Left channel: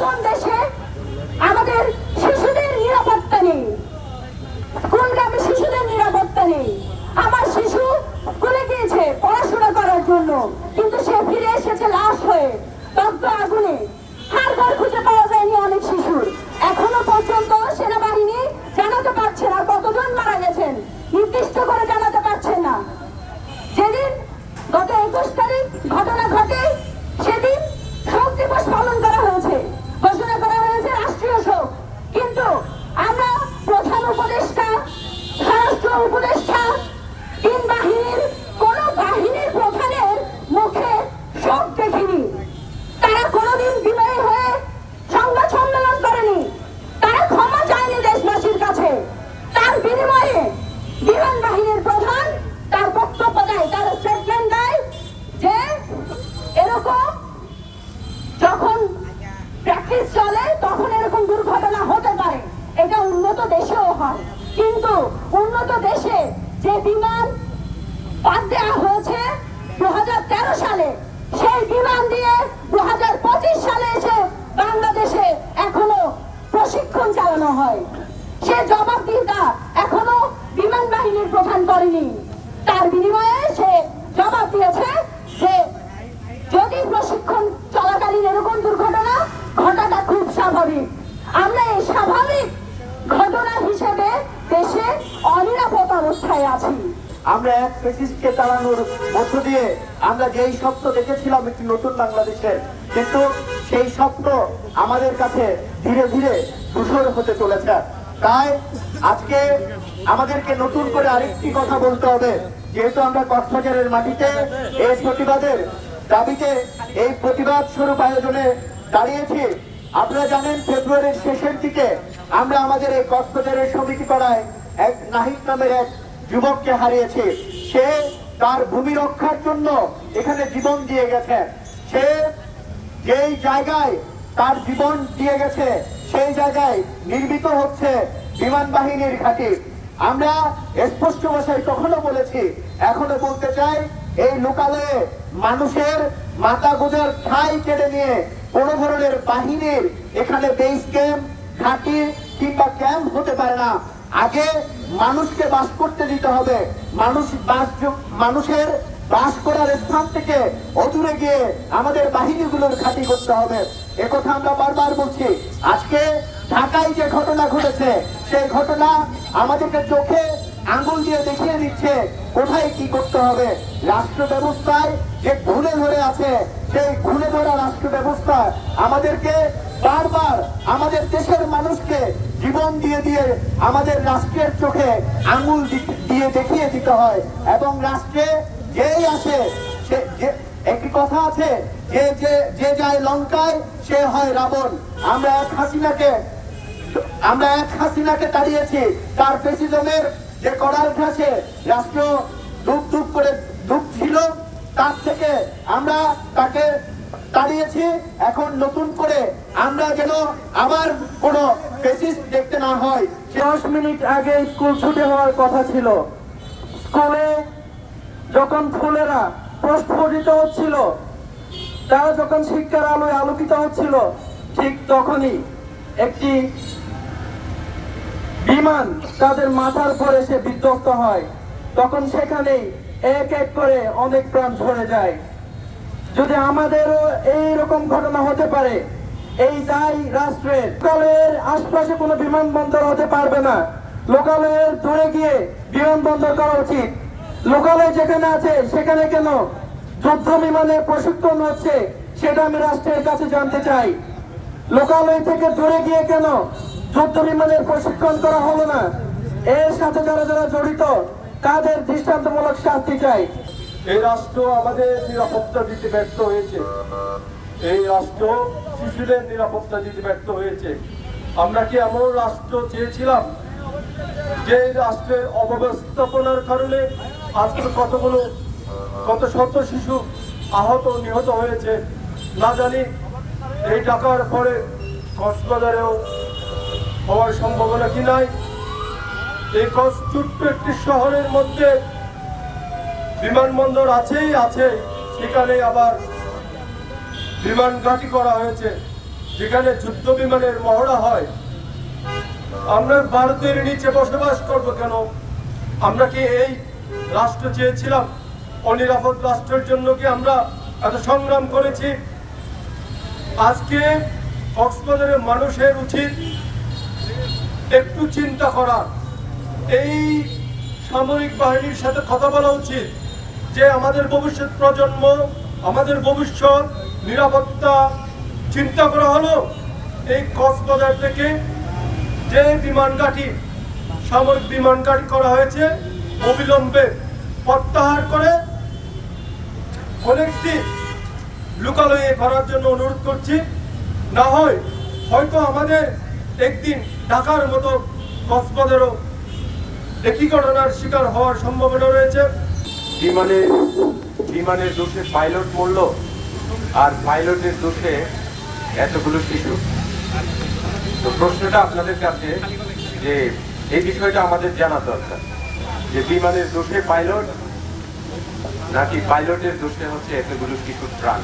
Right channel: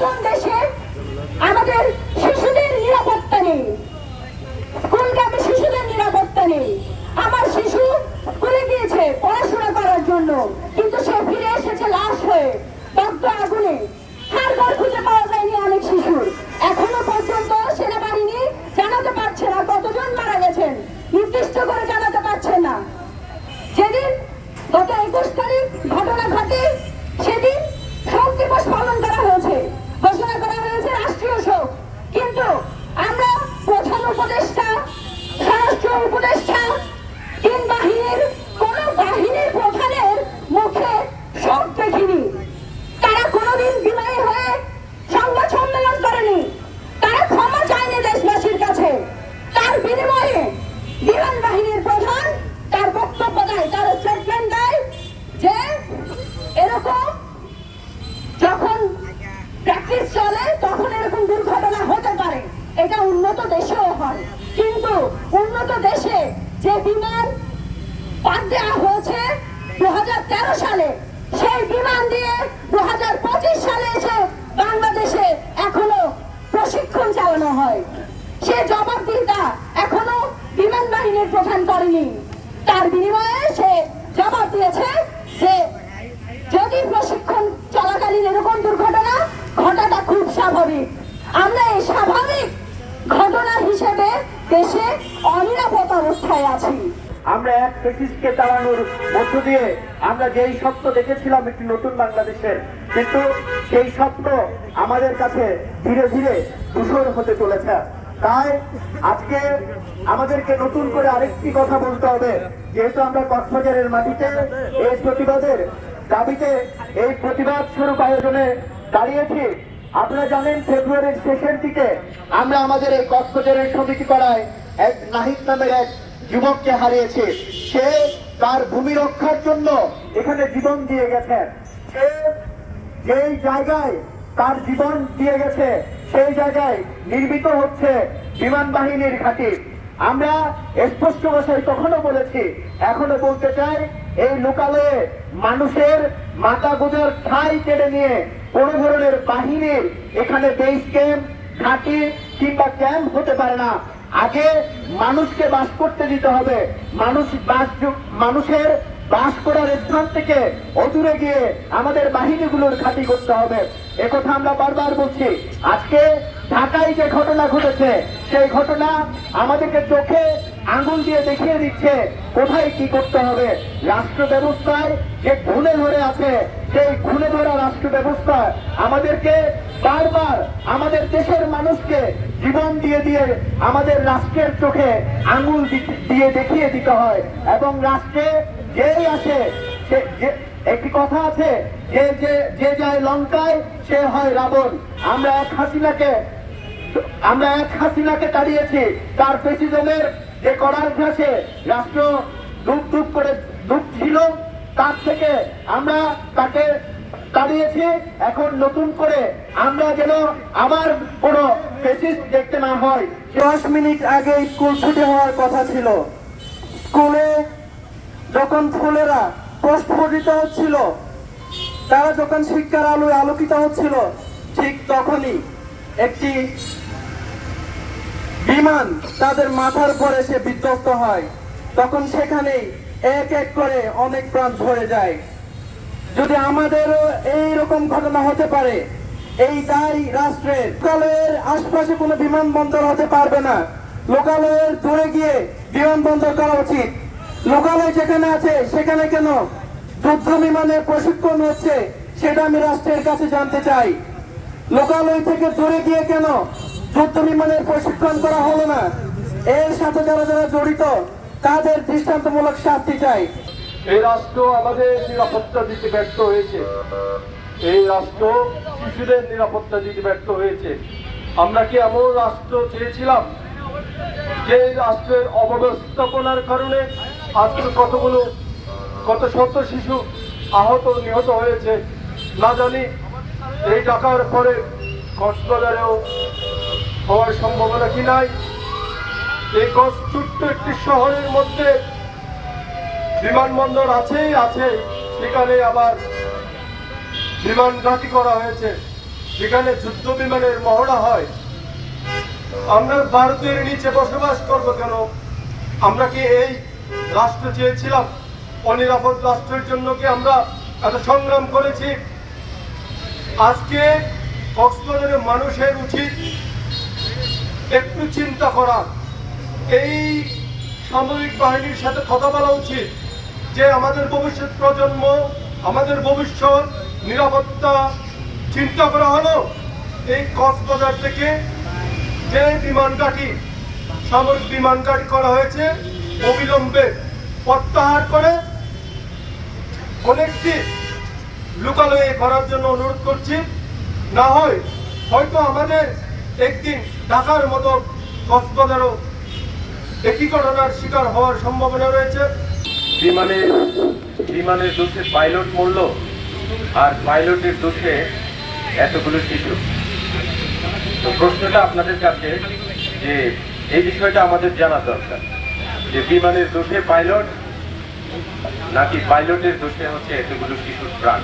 নতুন দেশে আমাদের শিশুদের নিরাপত্তা নেই। স্কুলগামী শিশুদের নিরাপত্তা নেই? আমার শিশু স্কুলে গিয়েছে পড়াশোনা করার জন্য, কিন্তু সে ফিরে এসেছে লাশ হয়ে, দগ্ধ আগুনে হার ঘর খুঁজে পাওয়া যায়নি অনেক শিশুর এখনও পর্যন্ত সেনাবাহিনী জানাতে পারছে না কতজন মারা গেছেন নির্দিষ্ট করে জানাতে পারছেন না যেদিন গত একুশ তারিখ ঘটনা ঘটে সেদিন শোক দিবস পালন করা হয়েছে ঘোষণা করা হয়েছে রাষ্ট্রীয় শোক কিন্তু আমরা প্রধান উপদেষ্টা স্বরাষ্ট্র উপদেষ্টা তিন বাহিনীর কোন বাহিনীর প্রধানের মুখে শোক দেখিনি তারা কোনোদিন বিনয়ী হয়ে সংবাদ সম্মেলন করেনি তারা ক্ষমা চায়নি দেশবাসীর কাছে তার বিনিময়ে বিমান বাহিনীর প্রধান তার বক্তব্য দেয় তার স্টেটমেন্ট দেয় যে এরকম যখন প্র্যাকটিস চলে, তখন এরকম দুর্ঘটনা হতে পারে। এটা উন্নত দেশেও হয়। কিন্তু উন্নত দেশে যে বিমান বাদ দেওয়া হয়েছে দু সালে, সেই বিমান দিয়ে দু সালে এসে বাংলাদেশে এখনও প্রশিক্ষণ চালানো হয়। সে জবাবদিহিতা এখনও বিমান বাহিনীর প্রধান করেনি। তার বিনিময়ে সে জবাব দিয়েছে যে যদি প্রশিক্ষণ চলাকালীন এরকম দুর্ঘটনা ঘটাটা খুব স্বাভাবিক। আমরা এই স্বাভাবিক ঘটনা হিসেবে দেশে অনিরাপদ অবস্থায় আছি। আমরা এক ফেসিসকে তাড়ানোর মধ্য দিয়ে আমরা যেই স্বপ্ন দেখেছিলাম একটি নতুন বাংলাদেশের, কিন্তু সেই স্বপ্ন আমাদের কাছে ধীরে ধীরে ধূসর হতে চলেছে। তাই আজকে আমাদেরকে নতুন করে আরেকটি কথা বলতে হবে, যেহেতু আমরা কক্সবাজারের মাটিতে এই প্রতিবাদের দাবিতে এই প্রতিবাদ স্বরূপ আয়োজনে দাঁড়িয়েছি। আপনারা জানেন, ফেব্রুয়ারির শেষের দিকে আমরা আমাদের এই কক্সবাজারের সমিতি করায় এক নাহিদ নামের এক যুবককে হারিয়েছে। সে তার ভূমি রক্ষার জন্য এখানে জীবন দিয়ে গেছে সে যেই জায়গায় তার জীবন দিয়ে গেছে, সেই জায়গায় নির্মিত হচ্ছে বিমান বাহিনীর ঘাঁটি। আমরা স্পষ্ট ভাষায় তখনও বলেছি, এখনও বলতে চাই এই লোকালয়ে মানুষের মাথা গোজার ঠাই কেড়ে নিয়ে কোন ধরনের বাহিনীর এখানে বেস ক্যাম্প ঘাঁটি কিংবা ক্যাম্প হতে পারে না। আগে মানুষকে বাস করতে দিতে হবে। মানুষ বাস মানুষের বাস করার স্থান থেকে অদূরে গিয়ে আমাদের বাহিনীগুলোর ঘাঁটি করতে হবে। একথা আমরা বারবার বলছি। আজকে ঢাকায় যে ঘটনা ঘটেছে, সেই ঘটনা আমাদেরকে চোখে আঙ্গুল দিয়ে দেখিয়ে দিচ্ছে, কোথায় কি করতে হবে? রাষ্ট্র ব্যবস্থায় যে ঘুণে ধরে আছে, সেই ঘুণে ধরা রাষ্ট্র ব্যবস্থা আমাদেরকে বারবার আমাদের দেশের মানুষকে জীবন দিয়ে দিয়ে আমাদের রাষ্ট্রের চোখে আঙ্গুল দিয়ে দেখিয়ে দিতে হয়। এবং রাষ্ট্রে যেই আসে একটি কথা আছে, যে যে যে যায় লঙ্কায়, সে হয় রাবণ। আমরা এক হাসিনাকে, আমরা এক হাসিনাকে তাড়িয়েছি, তার ফেসিজমের যে করার ঘাসে রাষ্ট্র দুঃখ দুঃখ করে দুঃখ ছিল তার থেকে আমরা তাকে তাড়িয়েছি। এখন নতুন করে আমরা যেন আবার কোনো দেখতে না হয়। দশ মিনিট আগে স্কুল ছুটি হওয়ার কথা ছিল। স্কুলে যখন ফুলেরা প্রস্ফুটিত হচ্ছিল, তারা যখন শিক্ষার আলোয় আলোকিত হচ্ছিল, ঠিক তখনই একটি বিমান তাদের মাথার উপর এসে বিধ্বস্ত হয়। তখন সেখানেই এক এক করে অনেক প্রাণ ঝরে যায়। যদি আমাদেরও এই রকম ঘটনা হতে পারে, এই দায় রাষ্ট্রের লোকালয়ের আশপাশে কোনো বিমানবন্দর হতে পারবে না। লোকালয়ের দূরে গিয়ে বিমানবন্দর করা উচিত। লোকালয় যেখানে আছে, সেখানে কেন যুদ্ধ বিমানের প্রশিক্ষণ হচ্ছে, সেটা আমি রাষ্ট্রের কাছে জানতে চাই। লোকালয় থেকে দূরে গিয়ে কেন যুদ্ধ বিমানের প্রশিক্ষণ করা হলো না। এর সাথে যারা যারা জড়িত, তাদের দৃষ্টান্তমূলক শাস্তি চাই। এই রাষ্ট্র আমাদের নিরাপত্তা দিতে ব্যর্থ হয়েছে। এই রাষ্ট্র শিশুদের নিরাপত্তা দিতে ব্যর্থ হয়েছে। আমরা কি এমন রাষ্ট্র চেয়েছিলাম যে রাষ্ট্রের অব্যবস্থাপনার কারণে আজকে কতগুলো, কত শত শিশু আহত, নিহত হয়েছে? না জানি। এই টাকার পরে কক্সবাজারেও হওয়ার সম্ভাবনা কি নাই? এই ছোট্ট একটি শহরের মধ্যে বিমানবন্দর আছেই আছে সেখানে আবার বিমান ঘাঁটি করা হয়েছে। যেখানে যুদ্ধ বিমানের মহড়া হয়। আমরা ভারতের নিচে বসবাস করব কেন? আমরা কি এই রাষ্ট্র চেয়েছিলাম? অনিরাপদ রাষ্ট্রের জন্য কি আমরা এত সংগ্রাম করেছি? আজকে কক্সবাজারের মানুষের উচিত একটু চিন্তা করা। এই সামরিক বাহিনীর সাথে কথা বলা উচিত যে, আমাদের ভবিষ্যৎ প্রজন্ম, আমাদের ভবিষ্যৎ নিরাপত্তা চিন্তা করা হলো। এই কক্সবাজার থেকে যে বিমান ঘাঁটি, সামরিক বিমান ঘাঁটি করা হয়েছে, অবিলম্বে প্রত্যাহার করে অনেকটি লোকালয়ে করার জন্য অনুরোধ করছি। না হয় হয়তো আমাদের একদিন ঢাকার মতো কক্সবাজারও একই ঘটনার শিকার হওয়ার সম্ভাবনা রয়েছে। বিমানের বিমানের দোষে পাইলট মূল্য আর পাইলটের দোষে এতগুলো শিশু। তো প্রশ্নটা আপনাদের কাছে যে এই বিষয়টা আমাদের জানা দরকার, যে বিমানের দোষে পাইলট নাকি পাইলটের দোষে হচ্ছে এতগুলো শিশুর প্রাণ।